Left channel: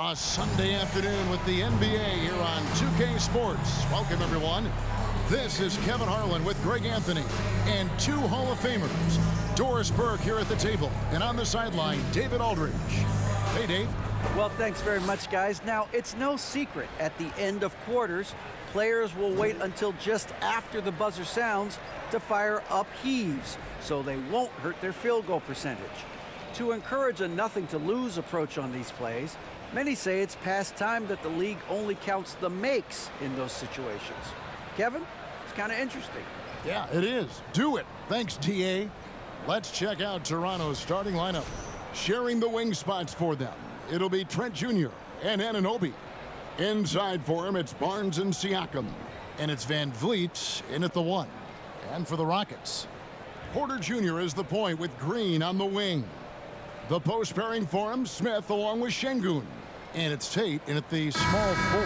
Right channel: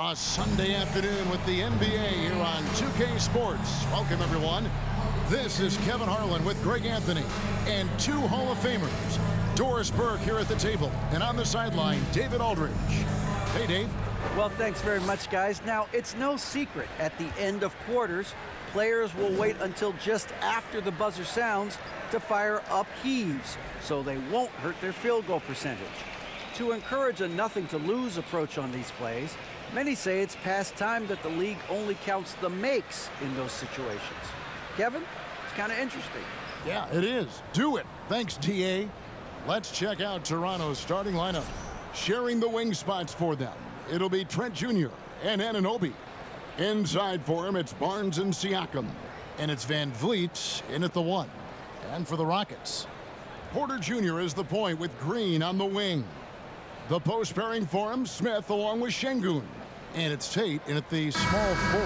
A Sunday afternoon with the NBA here on 2K Sports. Welcome, everyone. This is Kevin Harlan with Greg Anthony and two Hall of Famers. Doris Burke here at the table, and on the sideline, David Aldridge. Hey, Dave. Well, thanks very much, guys. Now, it's no secret at the end of quarters, players will wait until just after the buzzer sounds to fire up heaves, so they won't hurt their field goal percentage. To encourage a nothing-to-lose approach on these plays, many say it's past time that the league only counts the makes in those situations. Kevin, it's kind of interesting. Yeah, it is. Do it. Thanks, TA. Let's check out Toronto's starting lineup. Sharing the wing spots for them, it'll be Trent Jr. and Anunoby. Inside for him, it's Barnes and Siakam. And it's Van Vliet in at the 1. And for the Rockets, Porter Jr. is the point with Green on the wing. The post pairing for him, Smith along with Şengün. And it's Tate in at the small 4.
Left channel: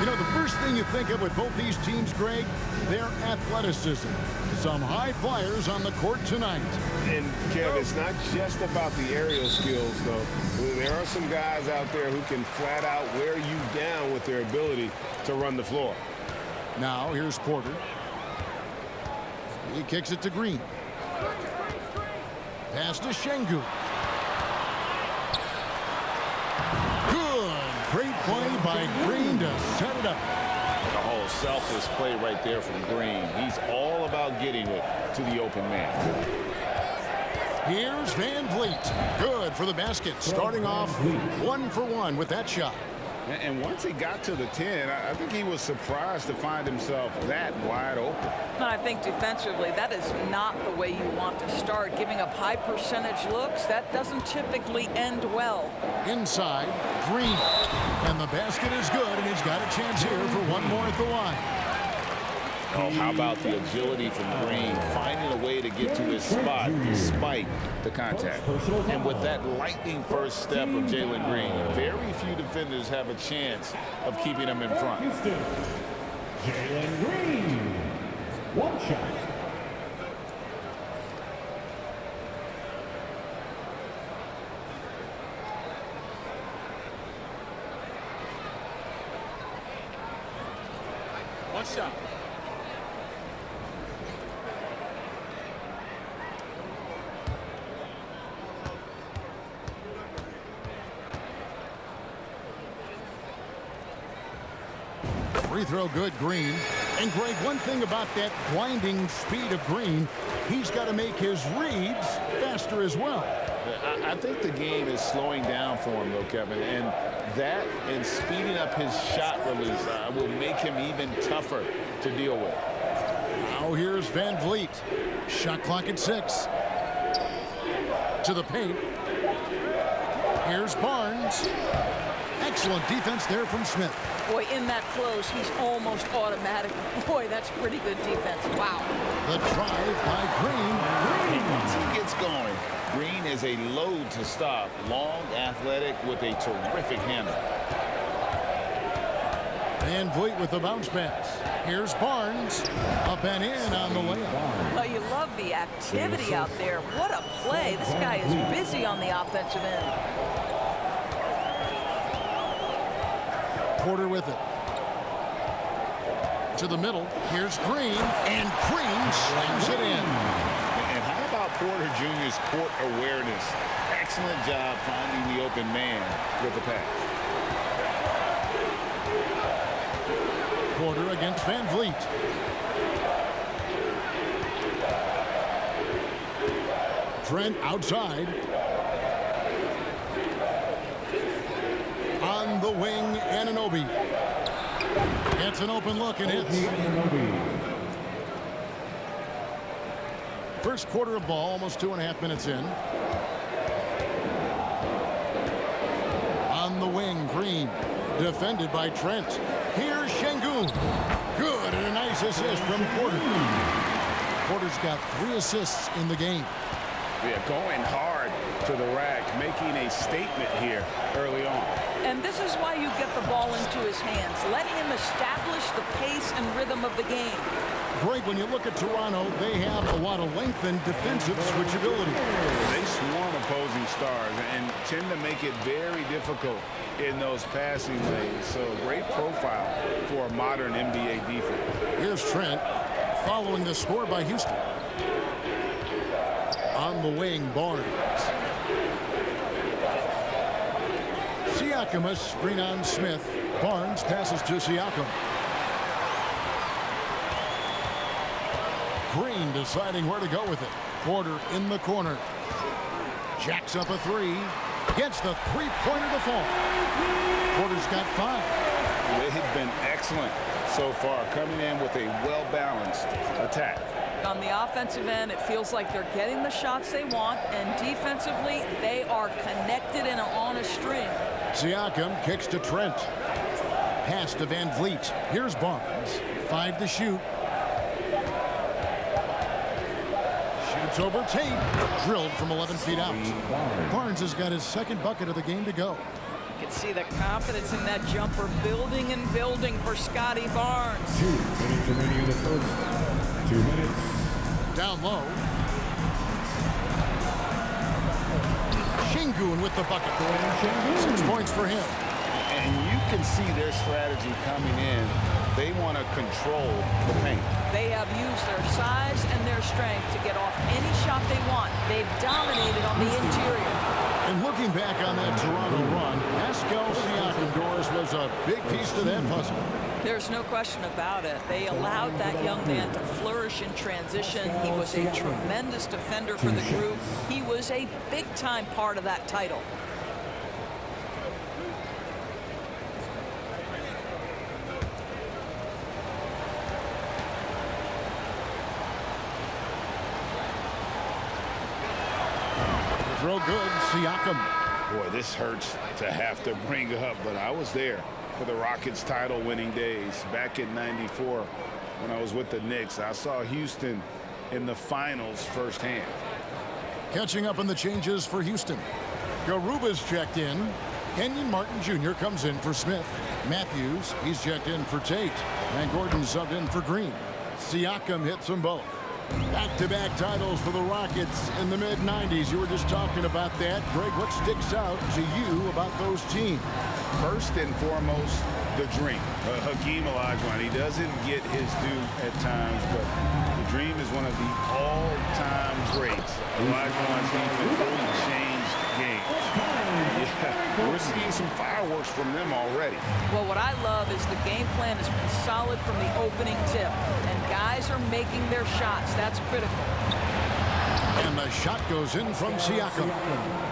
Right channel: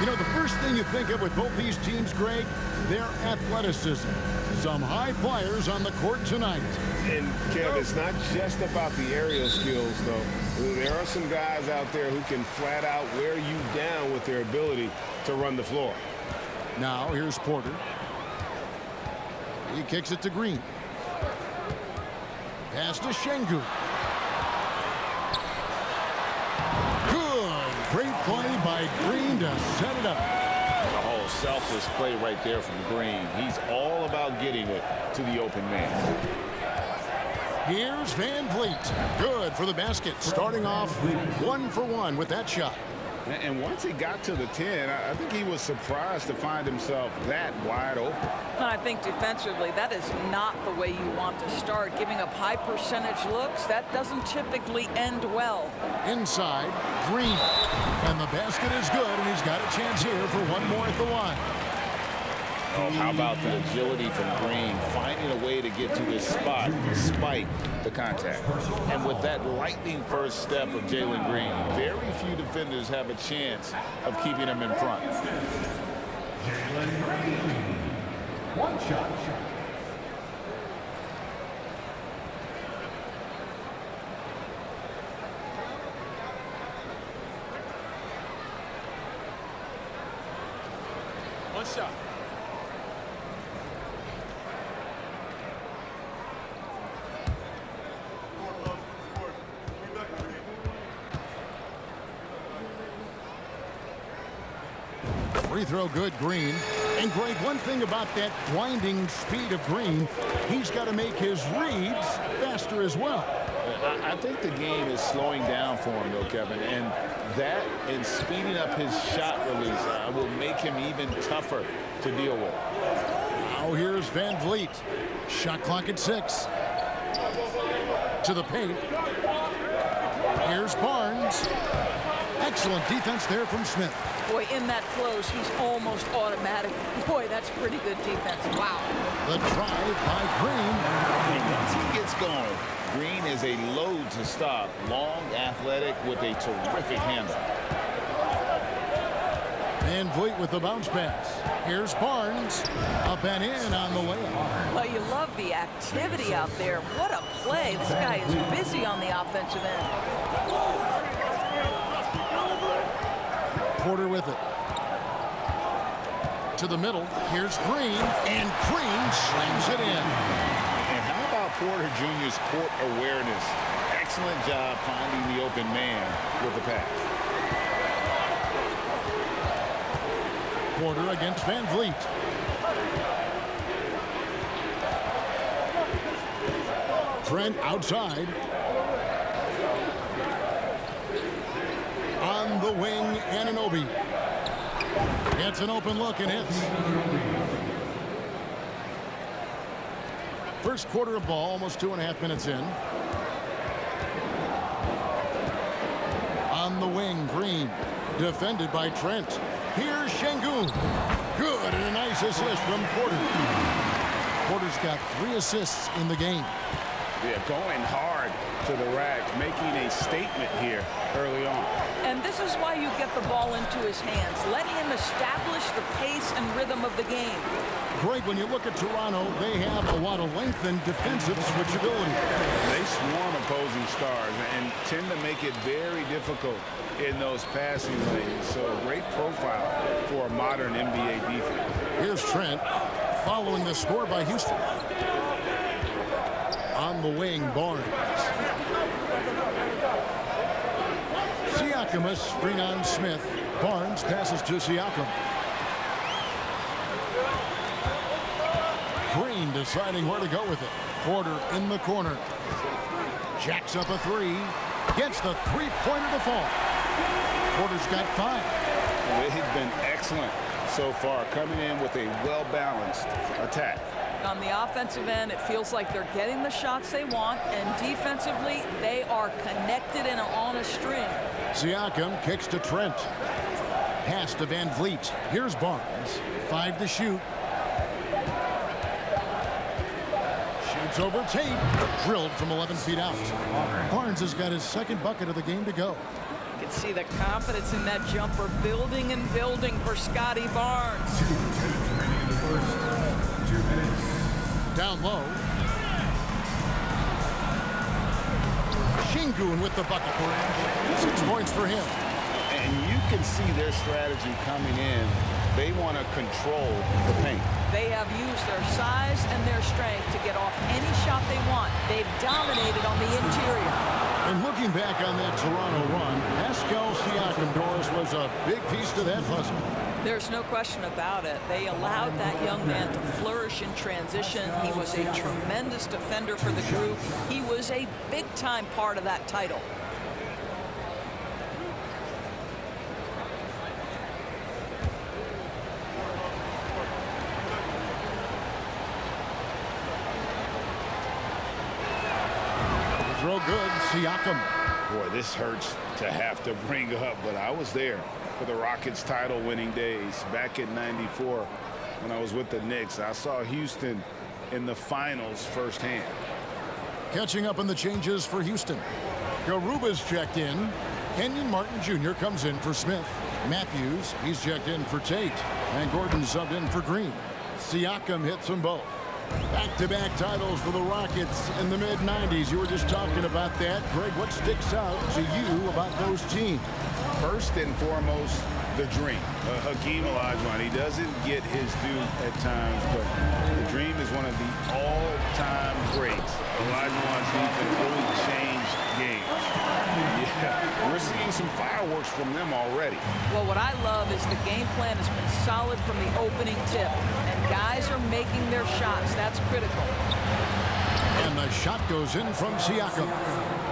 You know, the first thing you think of with both these teams, Greg, their athleticism. Some high flyers on the court tonight. And, Kev, it's not just about the aerial skills, though. There are some guys out there who can flat out wear you down with their ability to run the floor. Now, here's Porter. He kicks it to Green. Pass to Şengün. Good. Great play by Green to set it up. Oh, selfless play right there from Green. He's all about getting it to the open man. Here's Van Vliet. Good for the basket. Starting off 1 for 1 with that shot. And once he got to the 10, I think he was surprised to find himself that wide open. And I think defensively, that is not the way you want to start. Giving up high percentage looks, that doesn't typically end well. Inside, Green. And the basket is good, and he's got a chance here for one more at the line. Oh, how about the agility from Green, finding a way to get to his spot despite the contact. And with that lightning first step of Jalen Green, very few defenders have a chance of keeping him in front. Jalen Green, one shot. One shot. Free throw good, Green. And Greg, one thing about that blinding speed of Green, he's got to make his reads faster as well. I think the game is slowing down for him, though, Kevin, and that and speeding up his shot release will make him even tougher to deal with. Now here's Van Vliet. Shot clock at 6. To the paint. Here's Barnes. Excellent defense there from Smith. Boy, in that close, he's almost automatic. Boy, that's pretty good defense. Wow. The drive by Green. And once he gets going, Green is a load to stop. Long, athletic, with a terrific handle. Van Vliet with the bounce pass. Here's Barnes. Up and in on the layup. Well, you love the activity out there. What a play. This guy is busy on the offensive end. Porter with it. To the middle. Here's Green. And Green slams it in. And how about Porter Jr.'s court awareness? Excellent job finding the open man with the pass. Porter against Van Vliet. Trent outside. On the wing, Anunoby. Gets an open look and hits. First quarter of ball, almost 2.5 minutes in. On the wing, Green. Defended by Trent. Here's Şengün. Good, and a nice assist from Porter. Porter's got 3 assists in the game. Yeah, going hard to the rack, making a statement here early on. And this is why you get the ball into his hands. Let him establish the pace and rhythm of the game. Greg, when you look at Toronto, they have a lot of length and defensive switchability. They swarm opposing stars and tend to make it very difficult in those passing lanes. So a great profile for a modern NBA defense. Here's Trent following the score by Houston. On the wing, Barnes. Siakam, a screen on Smith. Barnes passes to Siakam. Green deciding where to go with it. Porter in the corner. Jacks up a three. Gets the three-pointer to fall. Porter's got 5. They've been excellent so far, coming in with a well-balanced attack. On the offensive end, it feels like they're getting the shots they want, and defensively, they are connected and are on a string. Siakam kicks to Trent. Pass to Van Vliet. Here's Barnes. 5 to shoot. Shoots over Tate. Drilled from 11 feet out. Barnes has got his second bucket of the game to go. You can see the confidence in that jumper building and building for Scotty Barnes. 2 minutes remaining in the first. 2 minutes. Down low. Şengün with the bucket. 6 points for him. And you can see their strategy coming in. They want to control the paint. They have used their size and their strength to get off any shot they want. They've dominated on the interior. And looking back on that Toronto run, Pascal Siakam, Doris, was a big piece to that puzzle. There's no question about it. They allowed that young man to flourish in transition. He was a tremendous defender for the group. He was a big-time part of that title. Throw good, Siakam. Boy, this hurts to have to bring up, but I was there for the Rockets title winning days back in '94 when I was with the Knicks. I saw Houston in the finals firsthand. Catching up on the changes for Houston. Garuba's checked in. Kenyon Martin Jr. comes in for Smith. Matthews, he's checked in for Tate. And Gordon subbed in for Green. Siakam hits them both. Back-to-back titles for the Rockets in the mid-90s. You were just talking about that. Greg, what sticks out to you about those teams? First and foremost, the dream. Hakeem Olajuwon, he doesn't get his due at times, but the dream is one of the all-time greats. Olajuwon's defense really changed games. Yeah, we're seeing some fireworks from them already. Well, what I love is the game plan has been solid from the opening tip, and guys are making their shots. That's critical. And the shot goes in from Siakam.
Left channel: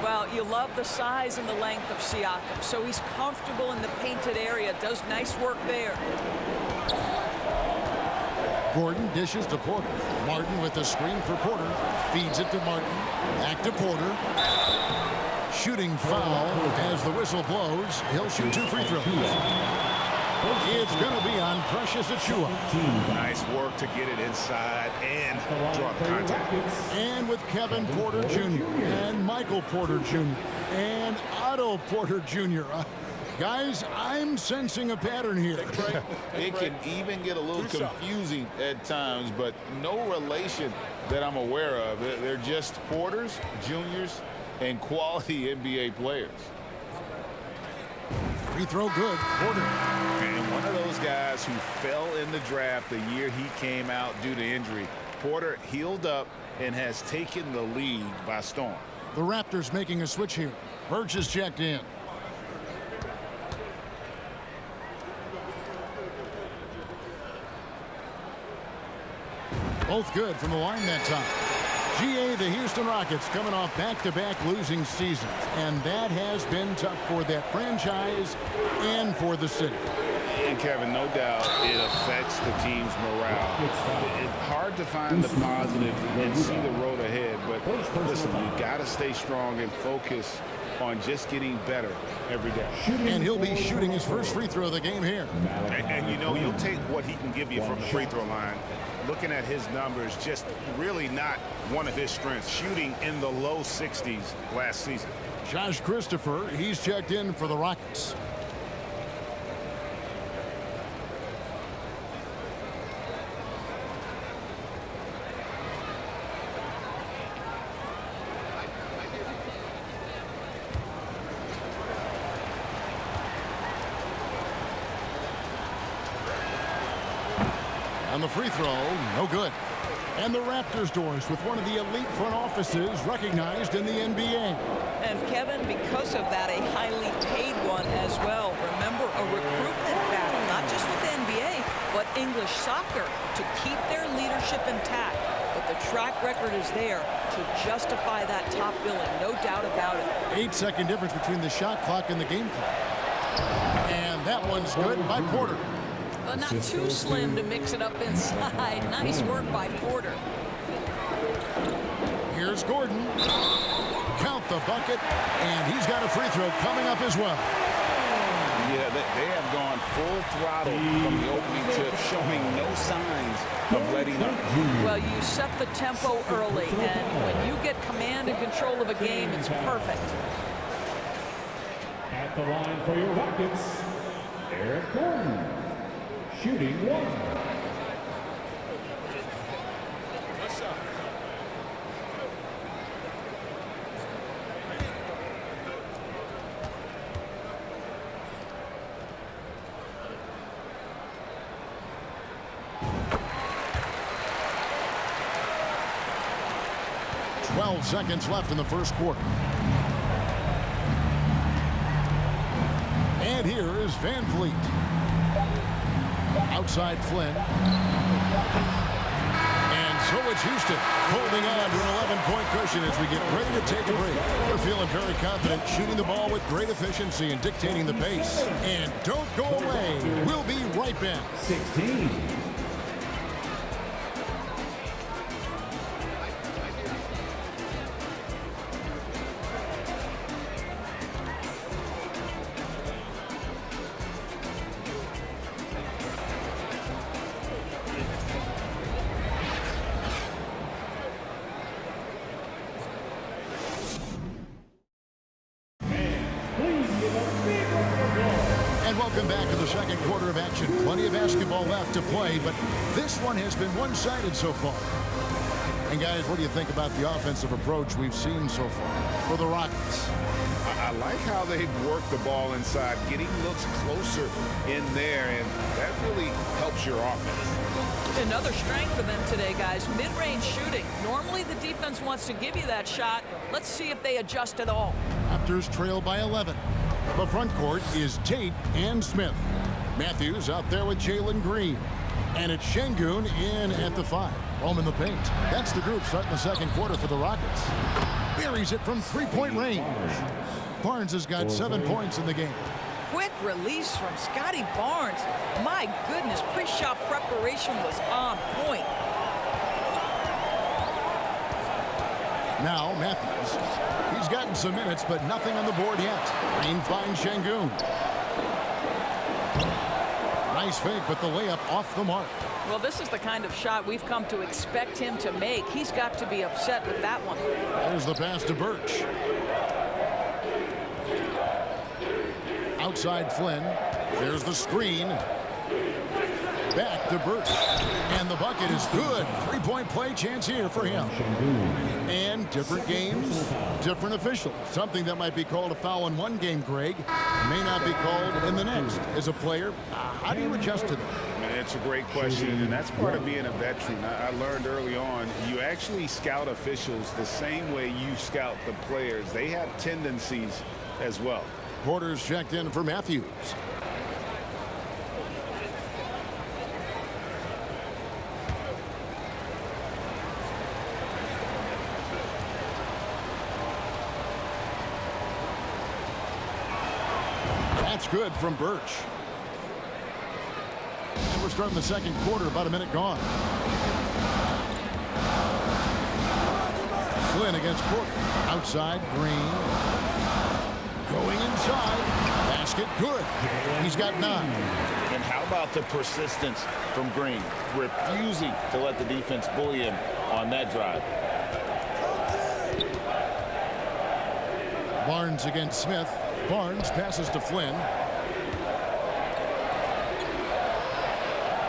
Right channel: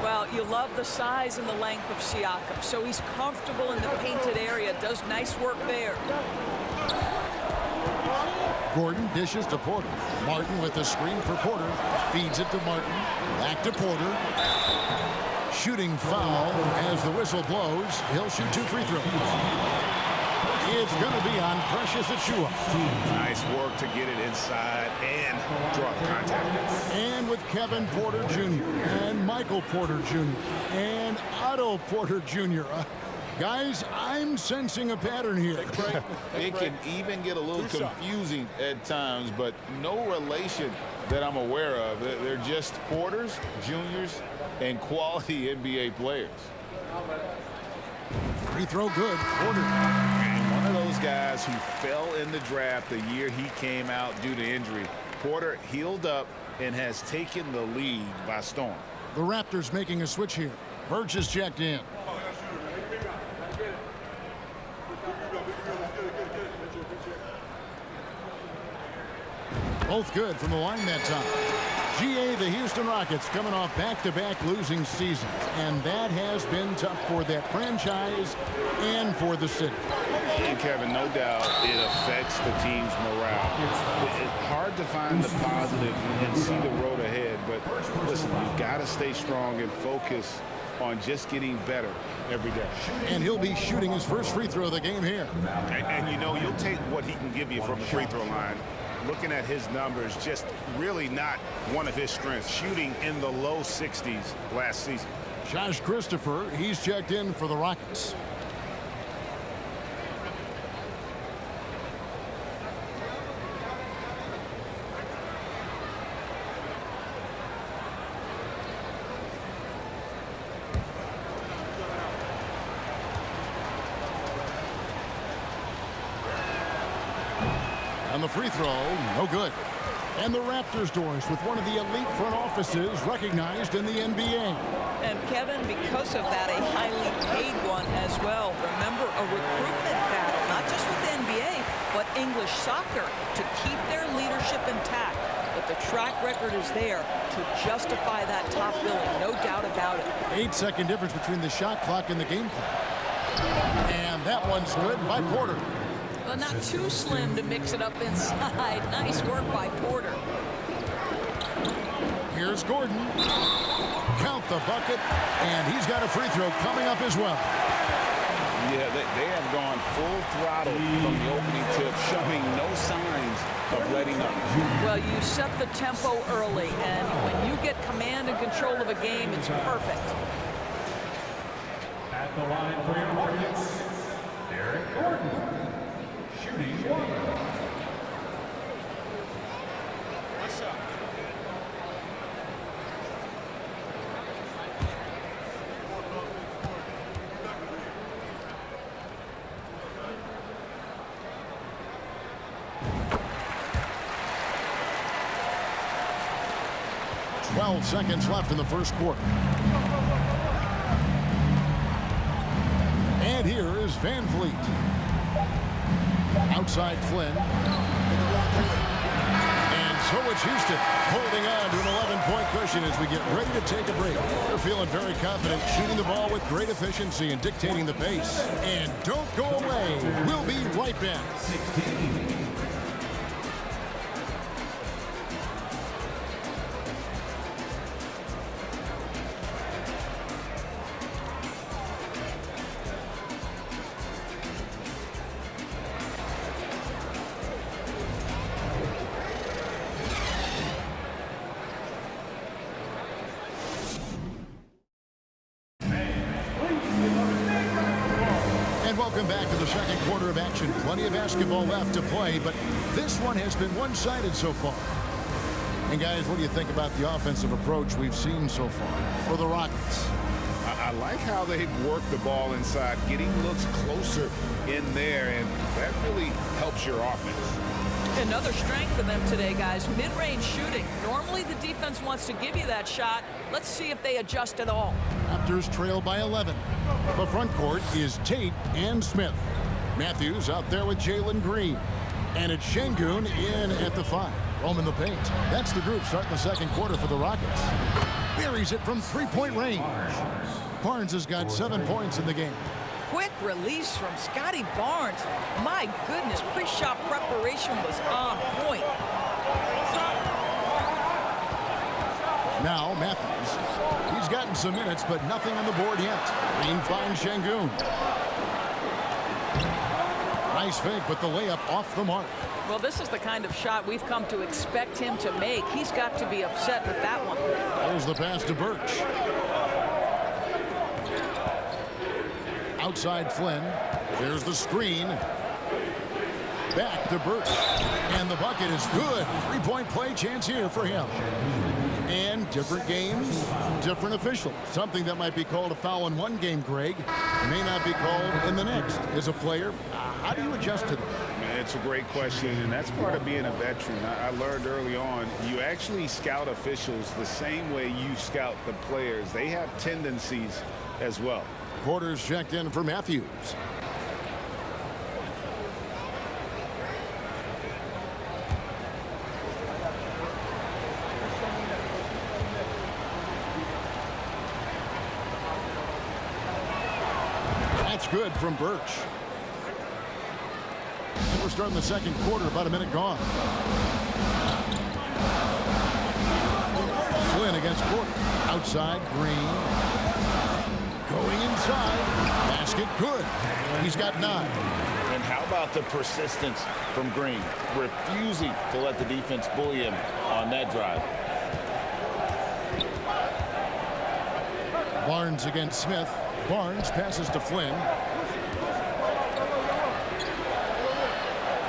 Well, you love the size and the length of Siakam, so he's comfortable in the painted area, does nice work there. Gordon dishes to Porter. Martin with the screen for Porter. Feeds it to Martin. Back to Porter. Shooting foul as the whistle blows. He'll shoot 2 free throws. It's going to be on Precious Achiuwa. Nice work to get it inside and draw the contact. And with Kevin Porter Jr. and Michael Porter Jr. and Otto Porter Jr. Guys, I'm sensing a pattern here. It can even get a little confusing at times, but no relation that I'm aware of. They're just Porters, Juniors, and quality NBA players. Free throw good. Porter. And one of those guys who fell in the draft the year he came out due to injury. Porter healed up and has taken the league by storm. The Raptors making a switch here. Birch is checked in. Both good from the line that time. GA, the Houston Rockets coming off back-to-back losing seasons, and that has been tough for that franchise and for the city. And Kevin, no doubt it affects the team's morale. It's hard to find the positive and see the road ahead, but listen, you got to stay strong and focus on just getting better every day. And he'll be shooting his first free throw of the game here. And you know, you'll take what he can give you from the free throw line. looking at his numbers, just really not one of his strengths, shooting in the low 60s last season. Josh Christopher, he's checked in for the Rockets. And the free throw, no good. And the Raptors doors with one of the elite front offices recognized in the NBA. And Kevin, because of that, a highly paid one as well. Remember, a recruitment battle, not just with the NBA, but English soccer to keep their leadership intact. But the track record is there to justify that top billing, no doubt about it. 8-second difference between the shot clock and the game clock. And that one's good by Porter. Well, not too slim to mix it up inside. Nice work by Porter. Here's Gordon. Count the bucket, and he's got a free throw coming up as well. Yeah, they have gone full throttle from the opening tip, showing no signs of letting up. Well, you set the tempo early, and when you get command and control of a game, it's perfect. At the line for your Rockets, Eric Gordon, shooting 1. What's up? Twelve seconds left in the first quarter. And here is Van Vliet. Outside Flynn. And so it's Houston holding on to an 11-point cushion as we get ready to take a break. They're feeling very confident, shooting the ball with great efficiency and dictating the pace. And don't go away. We'll be right back. 16. And welcome back to the second quarter of action. Plenty of basketball left to play, but this one has been one-sided so far. And guys, what do you think about the offensive approach we've seen so far for the Rockets? I like how they've worked the ball inside, getting looks closer in there, and that really helps your offense. Another strength for them today, guys, mid-range shooting. Normally the defense wants to give you that shot. Let's see if they adjust at all. Raptors trail by 11. The front court is Tate and Smith. Matthews out there with Jalen Green. And it's Şengün in at the 5. Roaming the paint. That's the group starting the second quarter for the Rockets. Buries it from three-point range. Barnes has got 7 points in the game. Quick release from Scotty Barnes. My goodness, pre-shot preparation was on point. Now Matthews. He's gotten some minutes, but nothing on the board yet. Green finds Şengün. Nice fake, but the layup off the mark. Well, this is the kind of shot we've come to expect him to make. He's got to be upset with that one. There's the pass to Birch. Outside Flynn. There's the screen. Back to Birch. And the bucket is good. Three-point play chance here for him. And different games, different officials. Something that might be called a foul in one game, Greg, may not be called in the next. As a player, how do you adjust to that? It's a great question, and that's part of being a veteran. I learned early on, you actually scout officials the same way you scout the players. They have tendencies as well. Porter's checked in for Matthews. That's good from Birch. And we're starting the second quarter, about a minute gone. Flynn against Porter. Outside, Green. Going inside. Basket, good. He's got 9. And how about the persistence from Green, refusing to let the defense bully him on that drive. Barnes against Smith. Barnes passes to Flynn.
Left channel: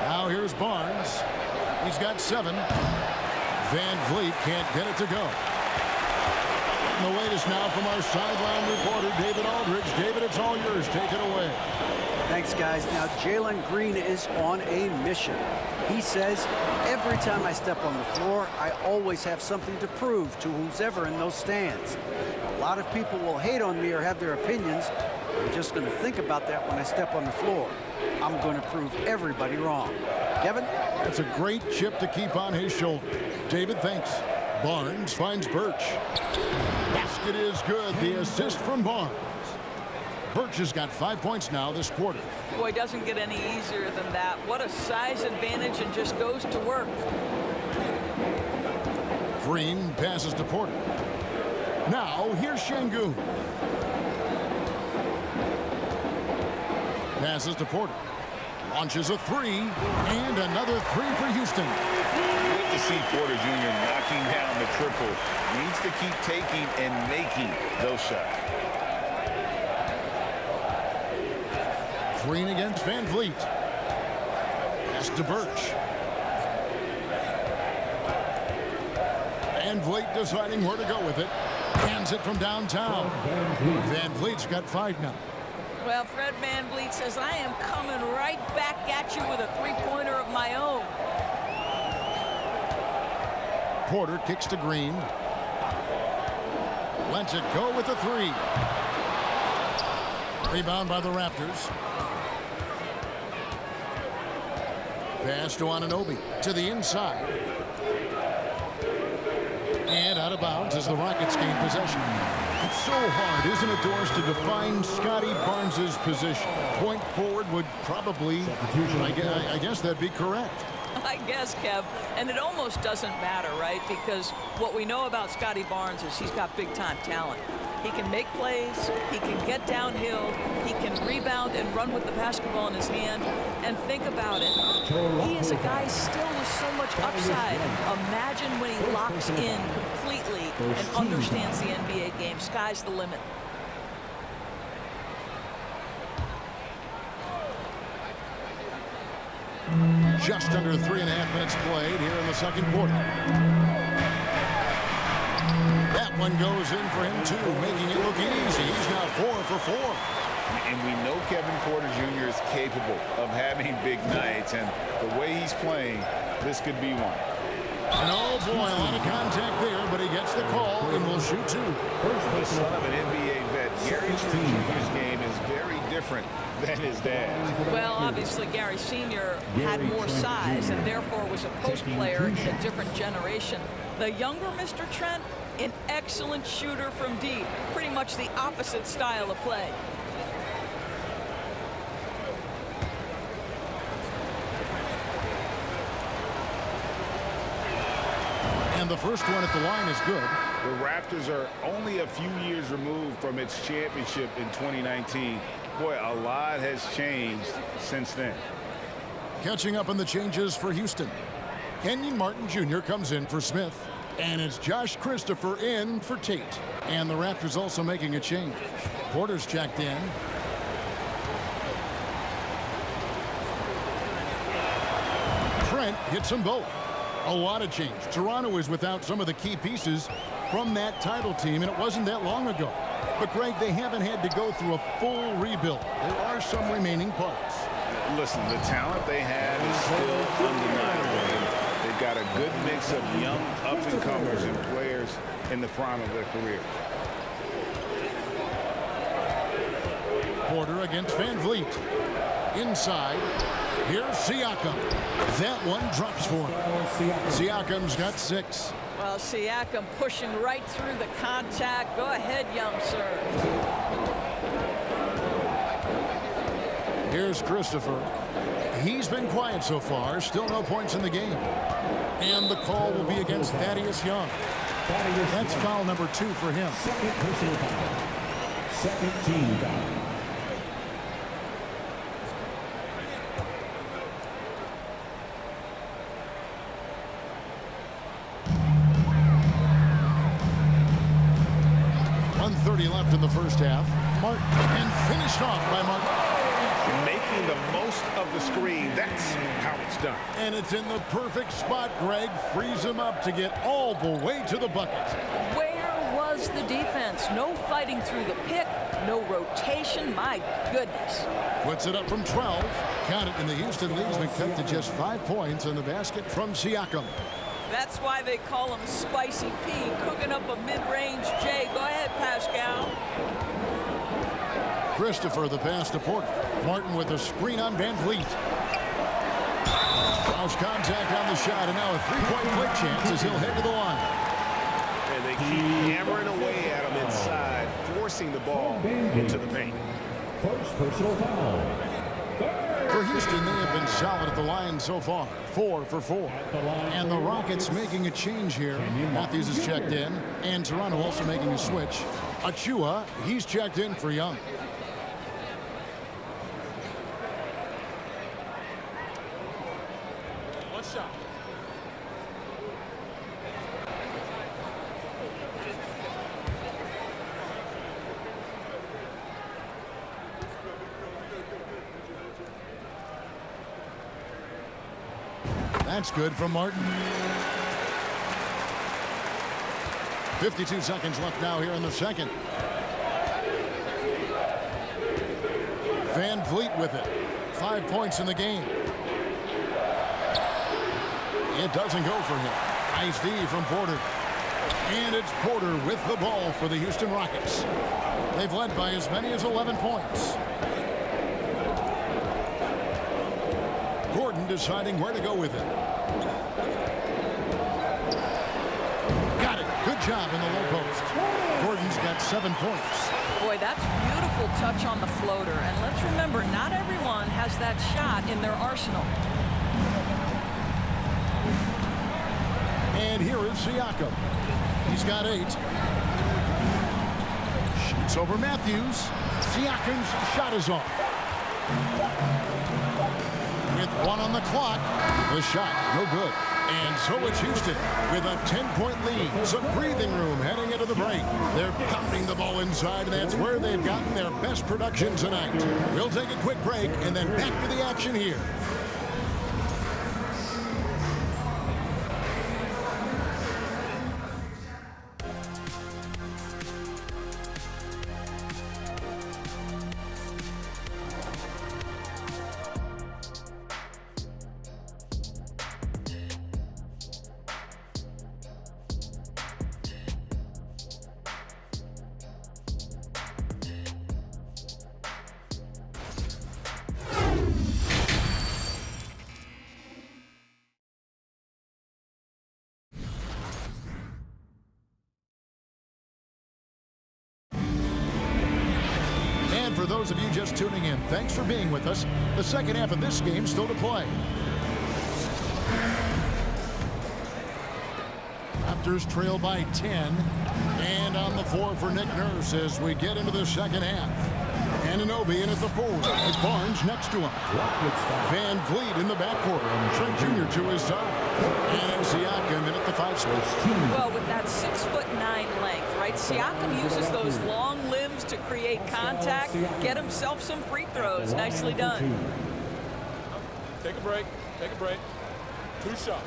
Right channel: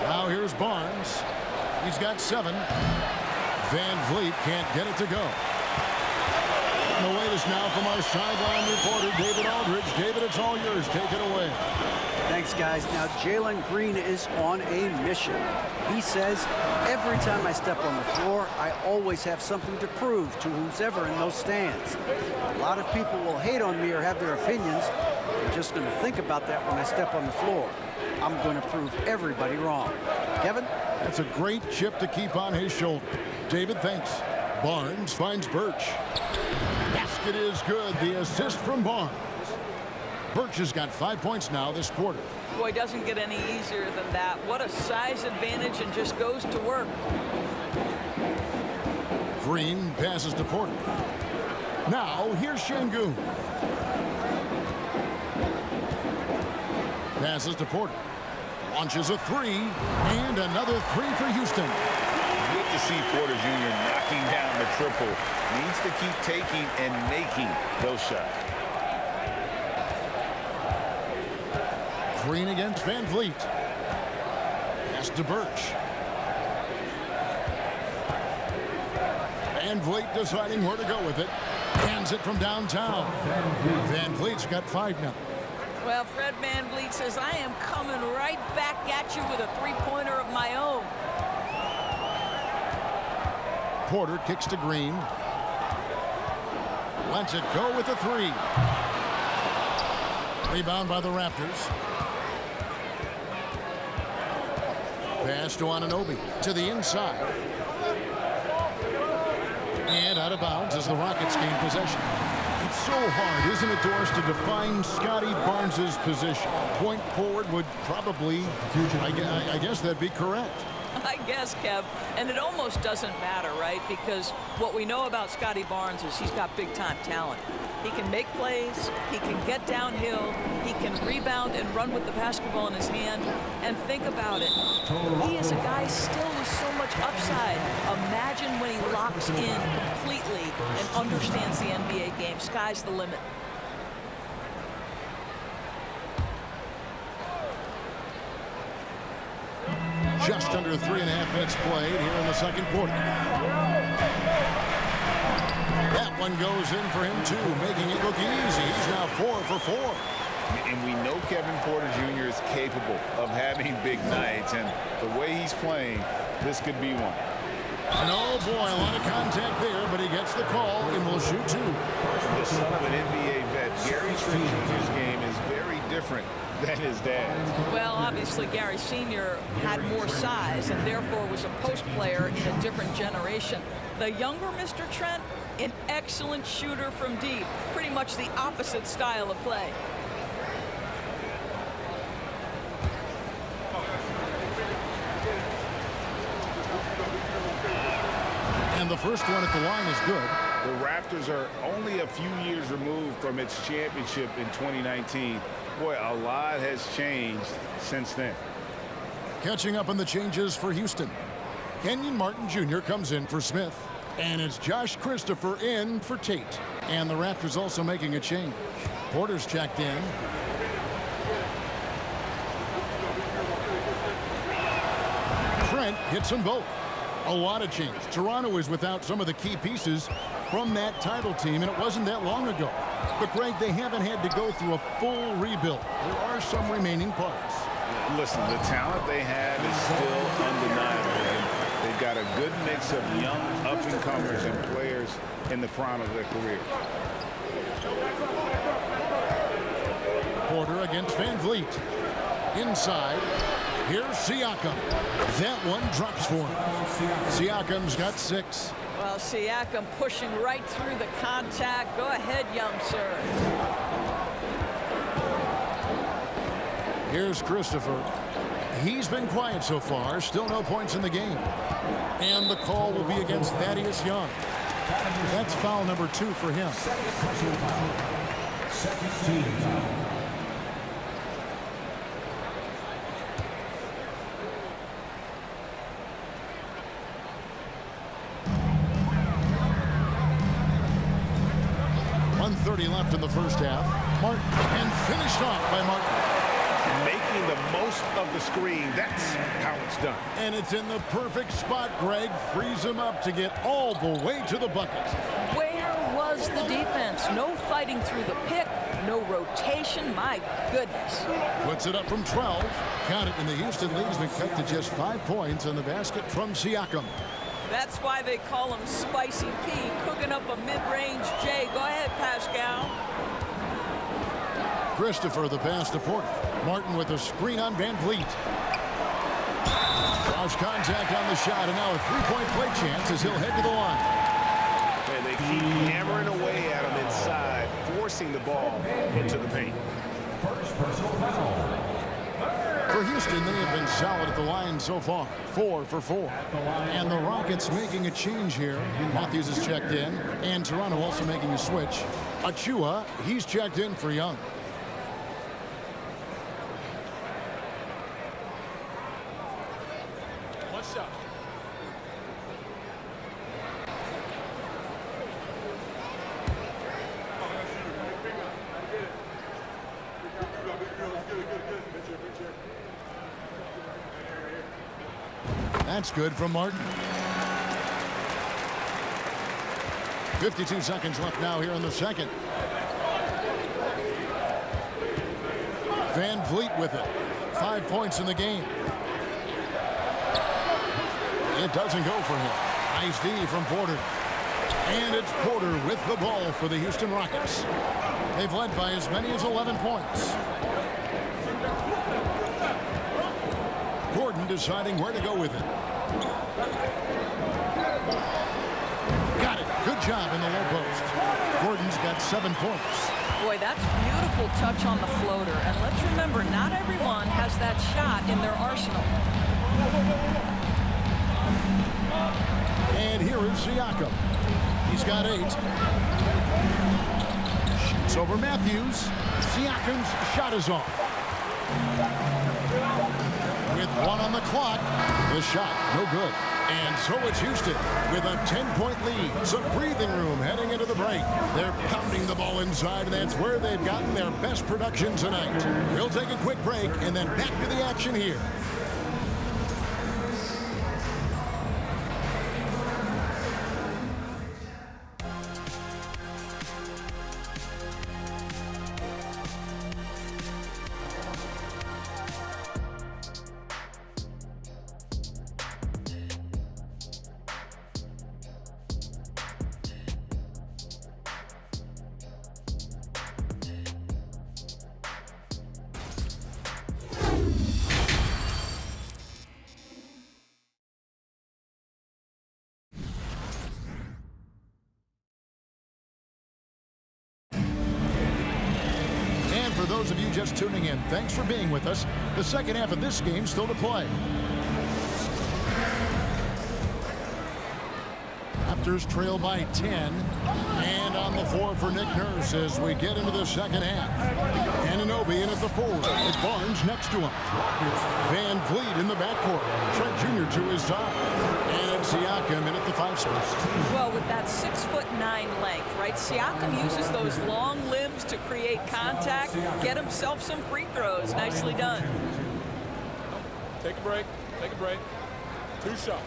Now here's Barnes. He's got 7. Van Vliet can't get it to go. And the latest now from our sideline reporter, David Aldridge. David, it's all yours. Take it away. Thanks, guys. Now, Jalen Green is on a mission. He says, every time I step on the floor, I always have something to prove to who's ever in those stands. A lot of people will hate on me or have their opinions. I'm just going to think about that when I step on the floor. I'm going to prove everybody wrong. Kevin? That's a great chip to keep on his shoulder. David, thanks. Barnes finds Birch. Basket is good. The assist from Barnes. Birch has got 5 points now this quarter. Boy, doesn't get any easier than that. What a size advantage, and just goes to work. Green passes to Porter. Now here's Şengün. Passes to Porter. Launches a 3, and another 3 for Houston. Good to see Porter Jr. knocking down the triple. Needs to keep taking and making those shots. Green against Van Vliet. Pass to Birch. Van Vliet deciding where to go with it. Hands it from downtown. Van Vliet's got 5 now. Well, Fred VanVleet says, I am coming right back at you with a three-pointer of my own. Porter kicks to Green. Lets it go with a 3. Rebound by the Raptors. Pass to Anunoby to the inside. And out of bounds as the Rockets gain possession. It's so hard, isn't it, Doris, to define Scotty Barnes' position? Point forward would probably, I guess that'd be correct. I guess, Kev, and it almost doesn't matter, right? Because what we know about Scotty Barnes is he's got big-time talent. He can make plays, he can get downhill, he can rebound and run with the basketball in his hand. And think about it, he is a guy still with so much upside. Imagine when he locks in completely and understands the NBA game. Sky's the limit. Just under 3.5 minutes played here in the second quarter. That one goes in for him, too, making it look easy. He's now 4 for 4. And we know Kevin Porter Jr. is capable of having big nights, and the way he's playing, this could be one. And oh boy, a lot of contact there, but he gets the call and will shoot 2. The son of an NBA vet, Gary Trent Jr.'s game is very different than his dad's. Well, obviously, Gary Sr. had more size and therefore was a post player in a different generation. The younger Mr. Trent, an excellent shooter from deep. Pretty much the opposite style of play. And the first one at the line is good. The Raptors are only a few years removed from its championship in 2019. Boy, a lot has changed since then. Catching up on the changes for Houston. Kenyon Martin Jr. comes in for Smith. And it's Josh Christopher in for Tate. And the Raptors also making a change. Porter's checked in. Trent hits them both. A lot of change. Toronto is without some of the key pieces from that title team, and it wasn't that long ago. But, Greg, they haven't had to go through a full rebuild. There are some remaining parts. Listen, the talent they have is still undeniable. And they've got a good mix of young up-and-comers and players in the prime of their career. Porter against Van Vliet. Inside. Here's Siakam. That one drops for him. Siakam's got 6. Well, Siakam pushing right through the contact. Go ahead, young sir. Here's Christopher. He's been quiet so far. Still no points in the game. And the call will be against Thaddeus Young. That's foul number 2 for him. Second personal foul. Second team foul. 1:30 left in the first half. Martin, and finished off by Martin. Making the most of the screen. That's how it's done. And it's in the perfect spot, Greg. Frees him up to get all the way to the bucket. Where was the defense? No fighting through the pick, no rotation. My goodness. Puts it up from 12. Count it, and the Houston lead has been cut to just 5 points on the basket from Siakam. That's why they call him Spicy P, cooking up a mid-range J. Go ahead, Pascal. Christopher, the pass to Porter. Martin with a screen on Van Vliet. Draws contact on the shot, and now a three-point play chance as he'll head to the line. And they keep hammering away at him inside, forcing the ball into the paint. First personal foul. For Houston, they have been solid at the line so far. 4 for 4. And the Rockets making a change here. Matthews is checked in, and Toronto also making a switch. Achua, he's checked in for Young. One shot. That's good from Martin. 52 seconds left now here in the second. Van Vliet with it. 5 points in the game. It doesn't go for him. Nice D from Porter. And it's Porter with the ball for the Houston Rockets. They've led by as many as 11 points. Gordon deciding where to go with it. Got it. Good job in the low post. Gordon's got 7 points. Boy, that's beautiful touch on the floater. And let's remember, not everyone has that shot in their arsenal. And here is Siakam. He's got 8. Shoots over Matthews. Siakam's shot is off. With 1 on the clock, the shot no good. And so it's Houston with a 10-point lead. Some breathing room heading into the break. They're pounding the ball inside, and that's where they've gotten their best production tonight. We'll take a quick break and then back to the action here. And for those of you just tuning in, thanks for being with us. The second half of this game still to play. Raptors trail by 10. And on the floor for Nick Nurse as we get into the second half. Anunoby in at the forward. It's Barnes next to him. Van Vliet in the backcourt. Trent Jr. to his side. And it's Siakam in at the 5 spot. Well, with that 6'9" length, right? Siakam uses those long limbs to create contact, get himself some free throws. Nicely done. Take a break. Take a break. 2 shots.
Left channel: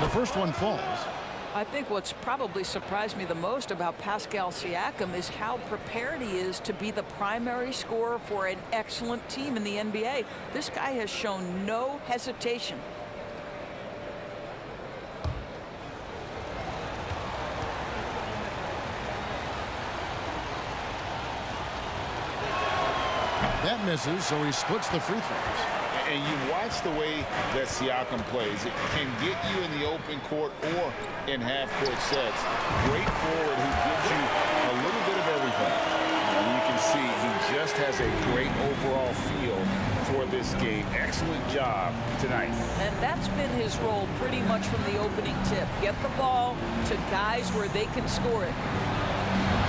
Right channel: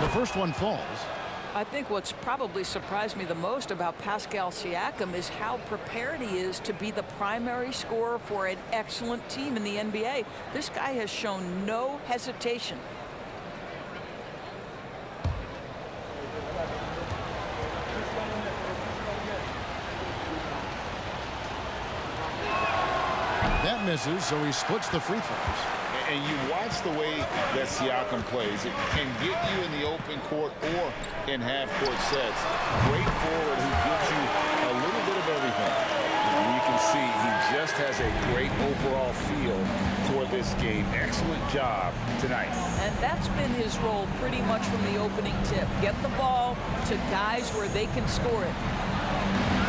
The first one falls. I think what's probably surprised me the most about Pascal Siakam is how prepared he is to be the primary scorer for an excellent team in the NBA. This guy has shown no hesitation. That misses, so he splits the free throws. And you watch the way that Siakam plays. It can get you in the open court or in half-court sets. Great forward who gives you a little bit of everything. And you can see he just has a great overall feel for this game. Excellent job tonight. And that's been his role pretty much from the opening tip. Get the ball to guys where they can score it.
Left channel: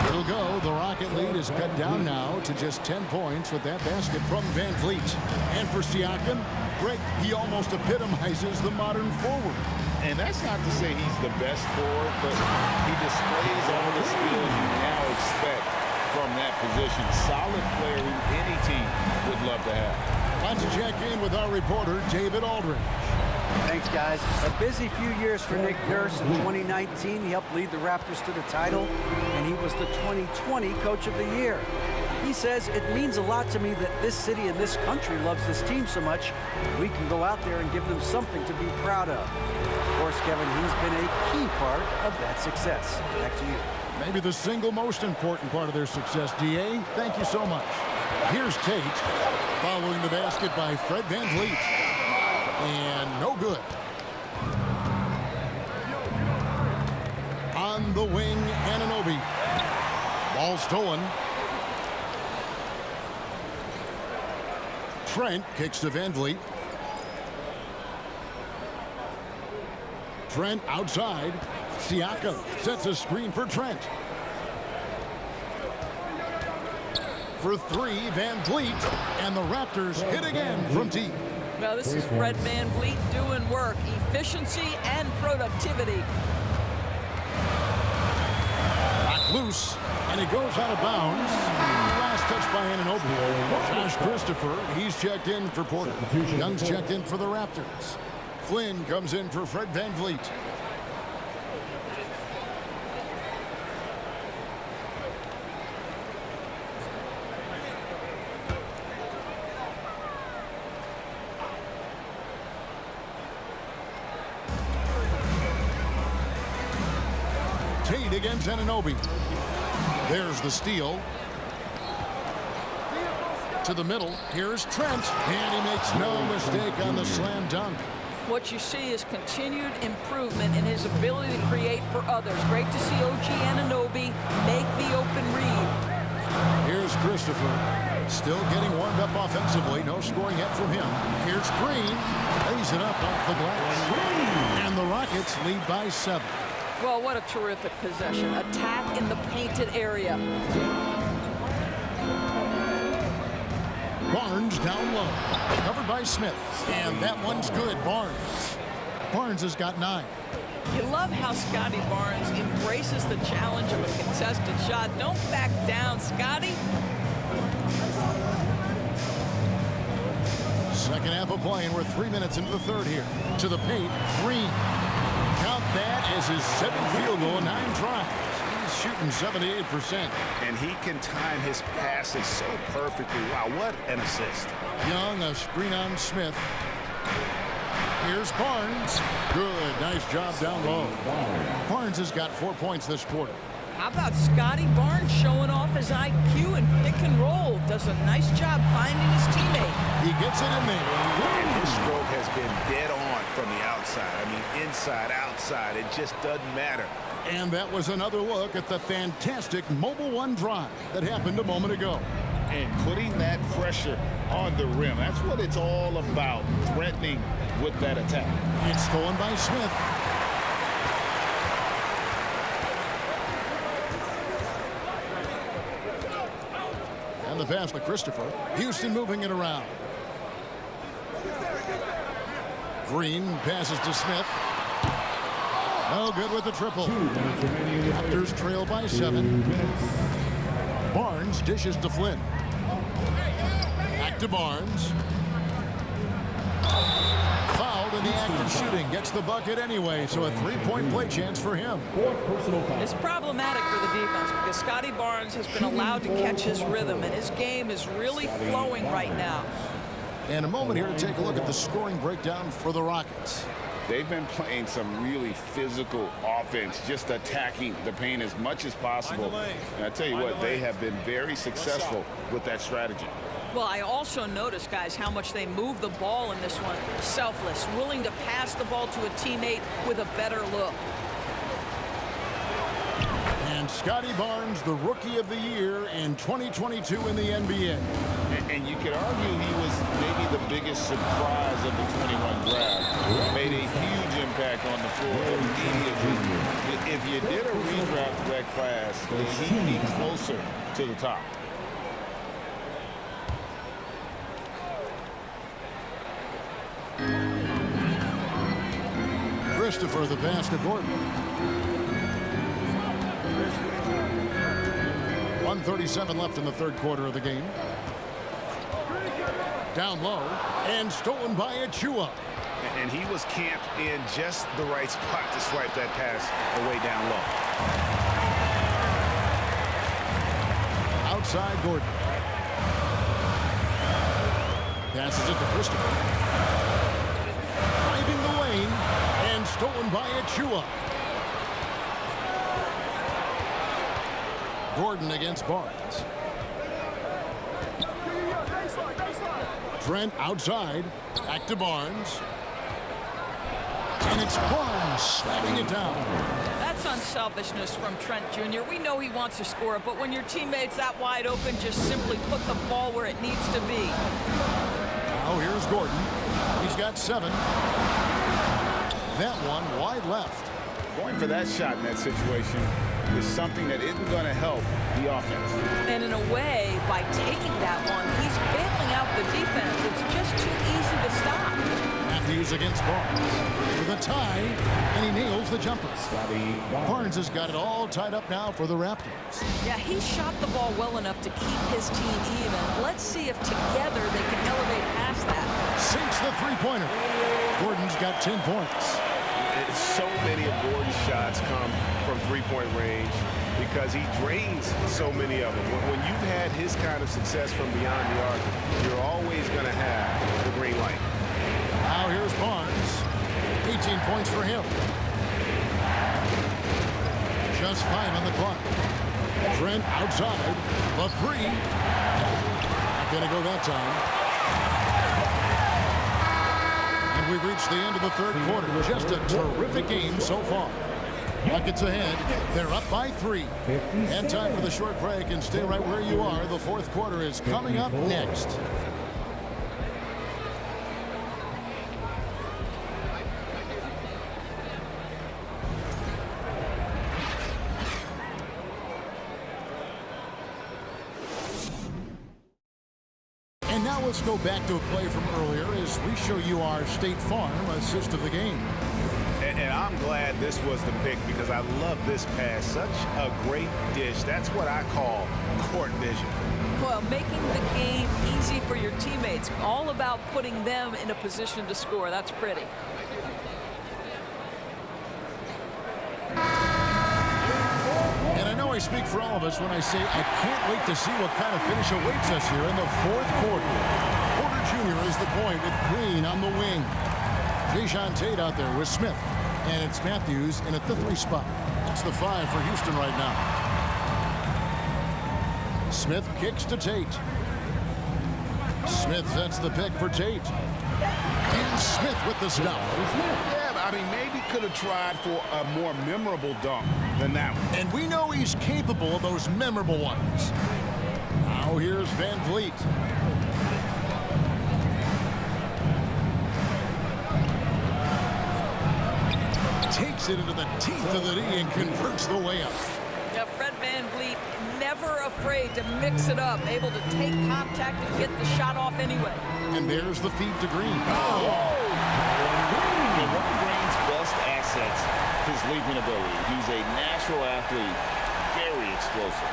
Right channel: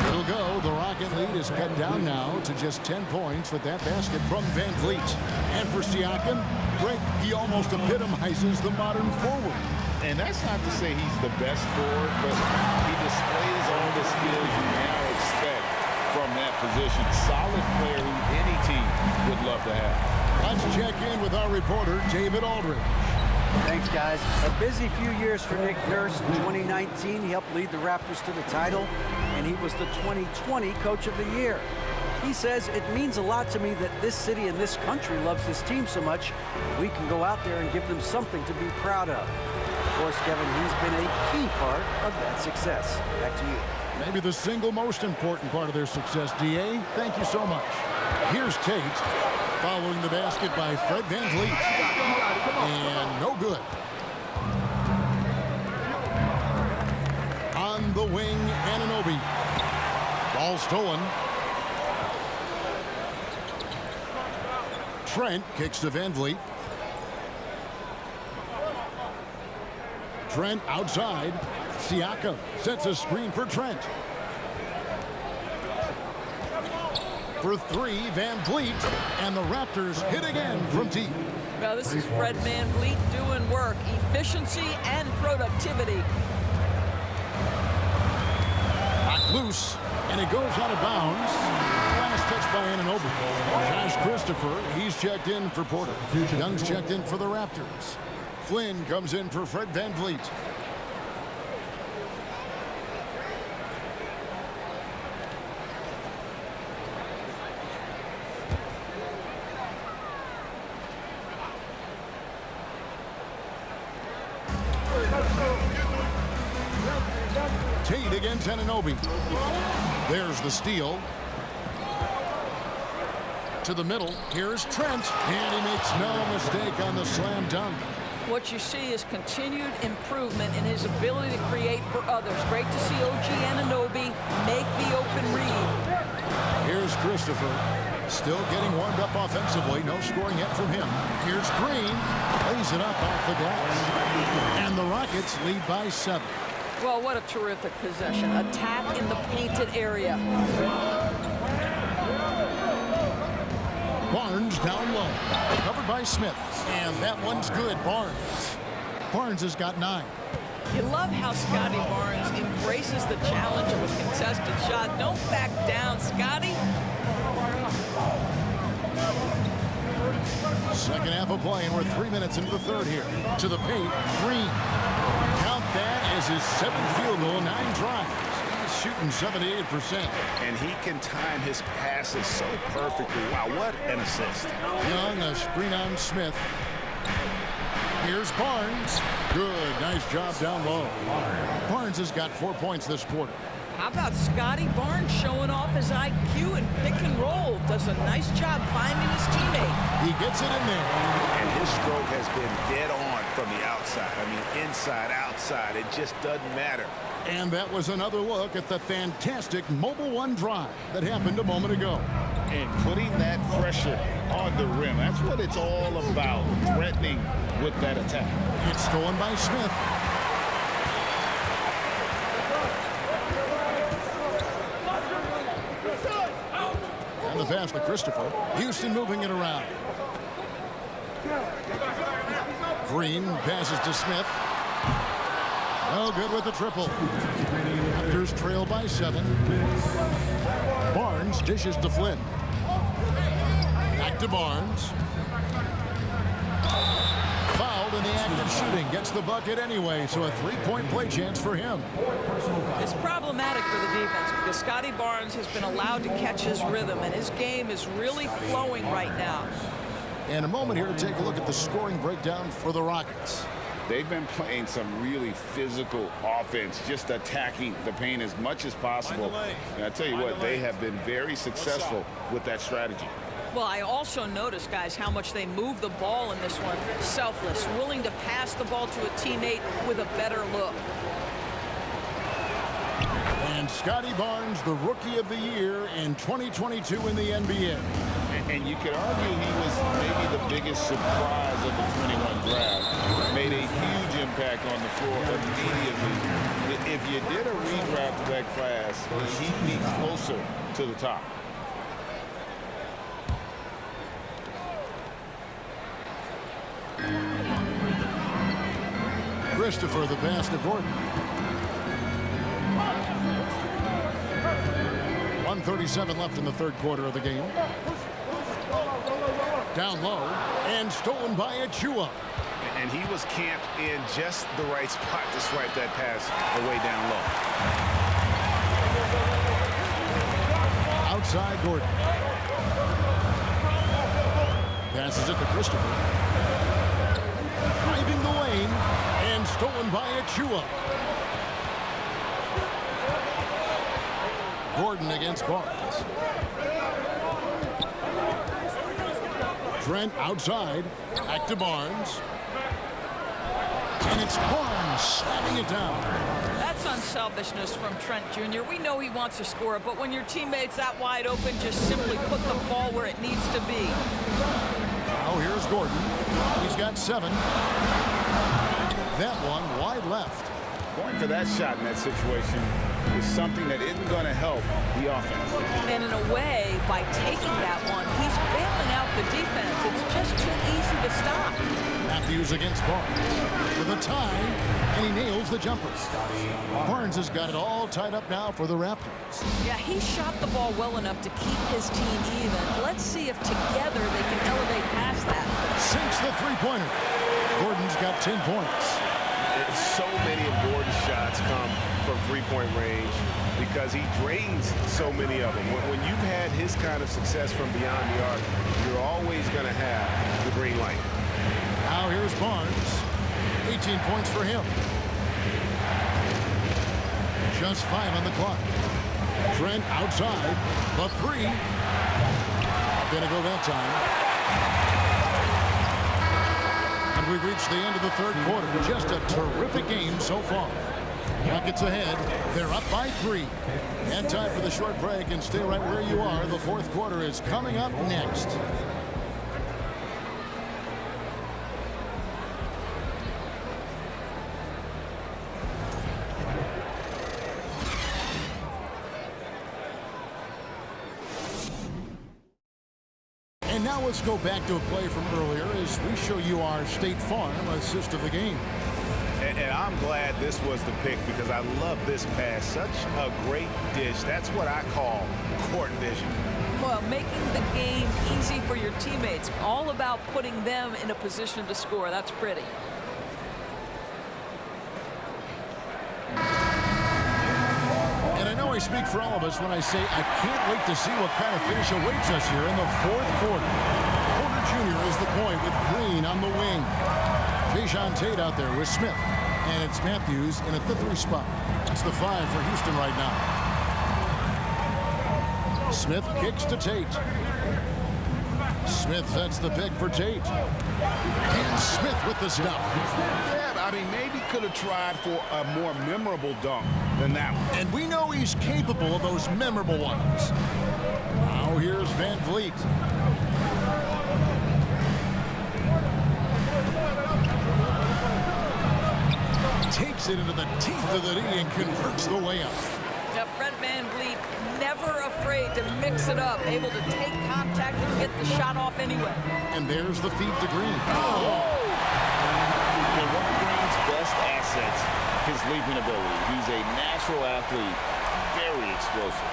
It'll go. The Rocket lead is cut down now to just 10 points with that basket from Van Vliet. And for Siakam, Greg, he almost epitomizes the modern forward. And that's not to say he's the best forward, but he displays all the skills you now expect from that position. Solid player who any team would love to have. Let's check in with our reporter, David Aldridge. Thanks, guys. A busy few years for Nick Nurse. In 2019, he helped lead the Raptors to the title, and he was the 2020 Coach of the Year. He says, it means a lot to me that this city and this country loves this team so much, we can go out there and give them something to be proud of. Of course, Kevin, he's been a key part of that success. Back to you. Maybe the single most important part of their success, D.A. Thank you so much. Here's Tate, following the basket by Fred Van Vliet. And no good. On the wing, Anunoby. Ball stolen. Trent kicks to Van Vliet. Trent outside. Siakam sets a screen for Trent. For three, Van Vliet. And the Raptors hit again from deep. Well, this is Fred Van Vliet doing work, efficiency and productivity. Knocked loose, and it goes out of bounds. Last touch by Anunoby. Josh Christopher, he's checked in for Porter. Young's checked in for the Raptors. Flynn comes in for Fred Van Vliet. Tate against Anunoby. There's the steal. To the middle. Here's Trent. And he makes no mistake on the slam dunk. What you see is continued improvement in his ability to create for others. Great to see OG Anunoby make the open read. Here's Christopher. Still getting warmed up offensively. No scoring yet from him. Here's Green. Lays it up off the glass. And the Rockets lead by 7. Well, what a terrific possession. Attack in the painted area. Barnes down low. Covered by Smith. And that one's good. Barnes has got 9. You love how Scotty Barnes embraces the challenge of a contested shot. Don't back down, Scotty. Second half of play, and we're 3 minutes into the third here. To the paint, Green. Count that as his 7th field goal, 9 tries. He's shooting 78%. And he can time his passes so perfectly. Wow, what an assist. Young, a screen on Smith. Here's Barnes. Good, nice job down low. Barnes has got 4 points this quarter. How about Scotty Barnes showing off his IQ and pick and roll? Does a nice job finding his teammate. He gets it in there. And his stroke has been dead on from the outside. I mean, inside, outside, it just doesn't matter. And that was another look at the fantastic Mobile One drive that happened a moment ago. And putting that pressure on the rim, that's what it's all about, threatening with that attack. It's stolen by Smith. And the pass to Christopher. Houston moving it around. Green passes to Smith. No good with the triple. Raptors trail by 7. Barnes dishes to Flynn. Back to Barnes. Fouled in the act of shooting. Gets the bucket anyway, so a 3-point play chance for him. It's problematic for the defense because Scotty Barnes has been allowed to catch his rhythm, and his game is really flowing right now. And a moment here to take a look at the scoring breakdown for the Rockets. They've been playing some really physical offense, just attacking the paint as much as possible. And I tell you what, they have been very successful with that strategy. Well, I also noticed, guys, how much they move the ball in this one. Selfless, willing to pass the ball to a teammate with a better look. And Scotty Barnes, the Rookie of the Year in 2022 in the NBA. And you could argue he was maybe the biggest surprise of the 21 draft. Made a huge impact on the floor immediately. If you did a redraft of that class, he'd be closer to the top. Christopher, the pass to Gordon. 1:37 left in the third quarter of the game. Down low and stolen by Achua. And he was camped in just the right spot to swipe that pass away down low. Outside Gordon. Passes it to Christopher. Driving the lane and stolen by Achua. Gordon against Barnes. Trent outside. Back to Barnes. And it's Barnes slamming it down. That's unselfishness from Trent Jr. We know he wants to score, but when your teammate's that wide open, just simply put the ball where it needs to be. Now here's Gordon. He's got 7. That one wide left. Going for that shot in that situation is something that isn't going to help the offense. And in a way, by taking that one, he's bailing out the defense. It's just too easy to stop. Matthews against Barnes with a tie, and he nails the jumper. Barnes has got it all tied up now for the Raptors. Yeah, he shot the ball well enough to keep his team even. Let's see if together they can elevate past that. Sinks the three-pointer. Gordon's got 10 points. So many of Gordon's shots come from three-point range because he drains so many of them. When you've had his kind of success from beyond the arc, you're always going to have the green light. Now here's Barnes. 18 points for him. Just 5 on the clock. Trent outside. The 3. Not going to go that time. And we've reached the end of the third quarter. Just a terrific game so far. Rockets ahead. They're up by 3. And time for the short break. And stay right where you are. The fourth quarter is coming up next. And now let's go back to a play from earlier as we show you our State Farm assist of the game. And I'm glad this was the pick because I love this pass. Such a great dish. That's what I call court vision. Well, making the game easy for your teammates. All about putting them in a position to score. That's pretty. And I know I speak for all of us when I say I can't wait to see what kind of finish awaits us here in the fourth quarter. Porter Jr. is the point with Green on the wing. Jayshawn Tate out there with Smith. And it's Matthews in at the 3 spot. That's the 5 for Houston right now. Smith kicks to Tate. Smith sets the pick for Tate. And Smith with the stuff. Yeah, I mean, maybe could have tried for a more memorable dunk than that one. And we know he's capable of those memorable ones. Now here's Van Vliet. Takes it into the teeth of the D and converts the layup. Now, Fred VanVleet, never afraid to mix it up, able to take contact and get the shot off anyway. And there's the feed to Green. Oh! And one of Green's best assets, his leaping ability. He's a natural athlete, very explosive.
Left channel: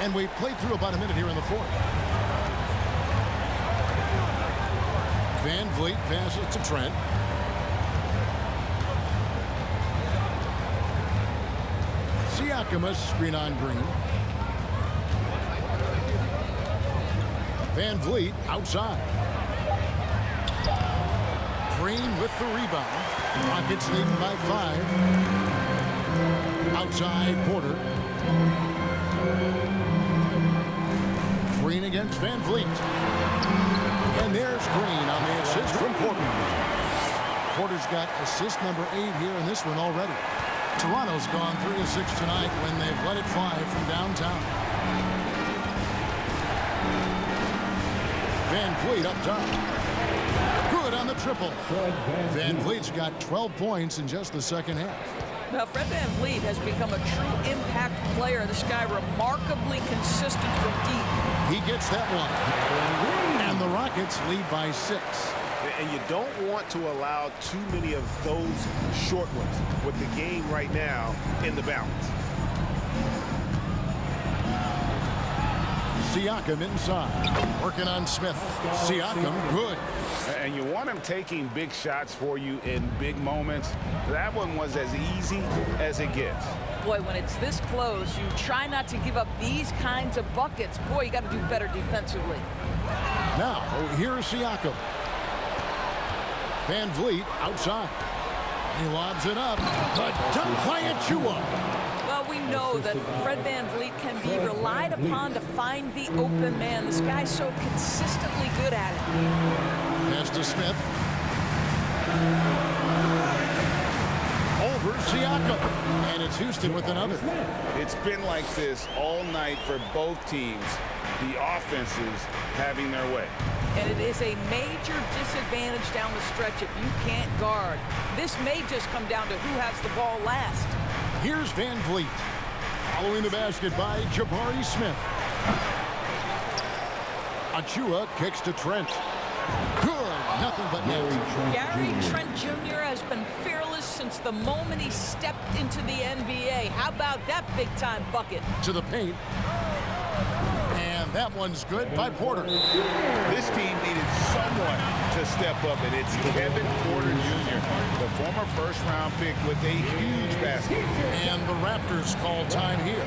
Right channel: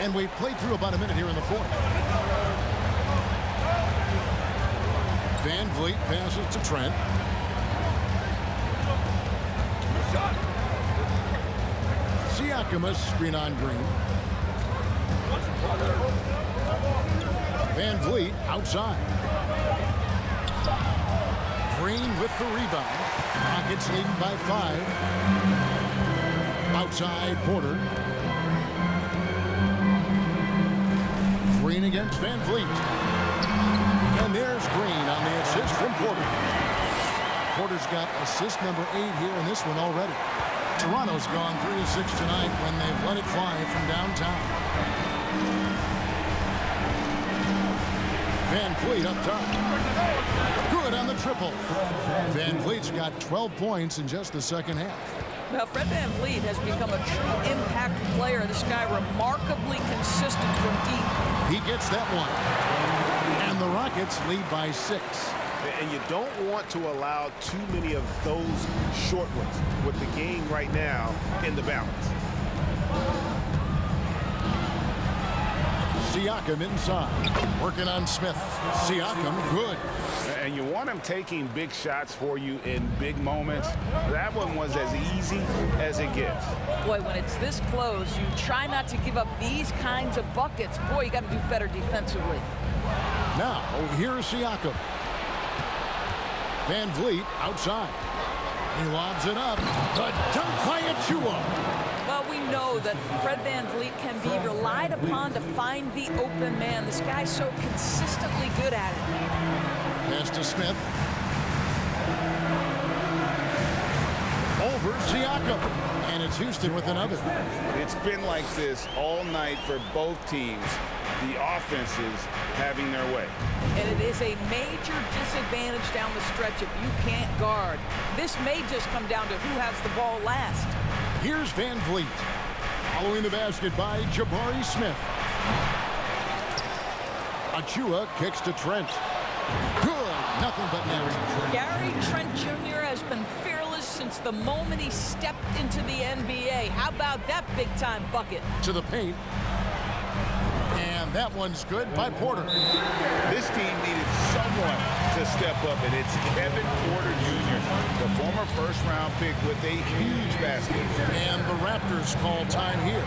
And we've played through about a minute here in the fourth. Van Vliet passes to Trent. Siakam screen on Green. Van Vliet outside. Green with the rebound. Rockets leading by 5. Outside Porter. Green against Van Vliet. And there's Green on the assist from Porter. Porter's got assist number 8 here in this one already. Toronto's gone 3 of 6 tonight when they've let it fly from downtown. Van Vliet up top. Good on the triple. Van Vliet's got 12 points in just the second half. Well, Fred Van Vliet has become a true impact player. This guy remarkably consistent from deep. He gets that one. And the Rockets lead by 6. And you don't want to allow too many of those short ones with the game right now in the balance. Siakam inside. Working on Smith. Siakam, good. And you want him taking big shots for you in big moments. That one was as easy as it gets. Boy, when it's this close, you try not to give up these kinds of buckets. Boy, you got to do better defensively. Now, here's Siakam. Van Vliet outside. He lobs it up. The dunk by Achua. Well, we know that Fred Van Vliet can be relied upon to find the open man. This guy's so consistently good at it. Pass to Smith. Over Siakam. And it's Houston with another. It's been like this all night for both teams. The offenses having their way. And it is a major disadvantage down the stretch if you can't guard. This may just come down to who has the ball last. Here's Van Vliet. Following the basket by Jabari Smith. Achua kicks to Trent. Good. Nothing but net. Gary Trent Jr. has been fearless since the moment he stepped into the NBA. How about that big-time bucket? To the paint. And that one's good by Porter. This team needed someone to step up, and it's Kevin Porter Jr., the former first-round pick with a huge basket. And the Raptors call time here.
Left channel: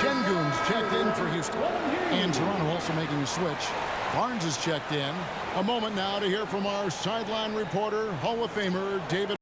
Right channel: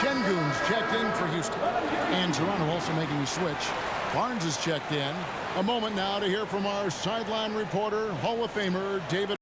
Şengün's checked in for Houston. And Toronto also making a switch. Barnes is checked in. A moment now to hear from our sideline reporter, Hall of Famer David.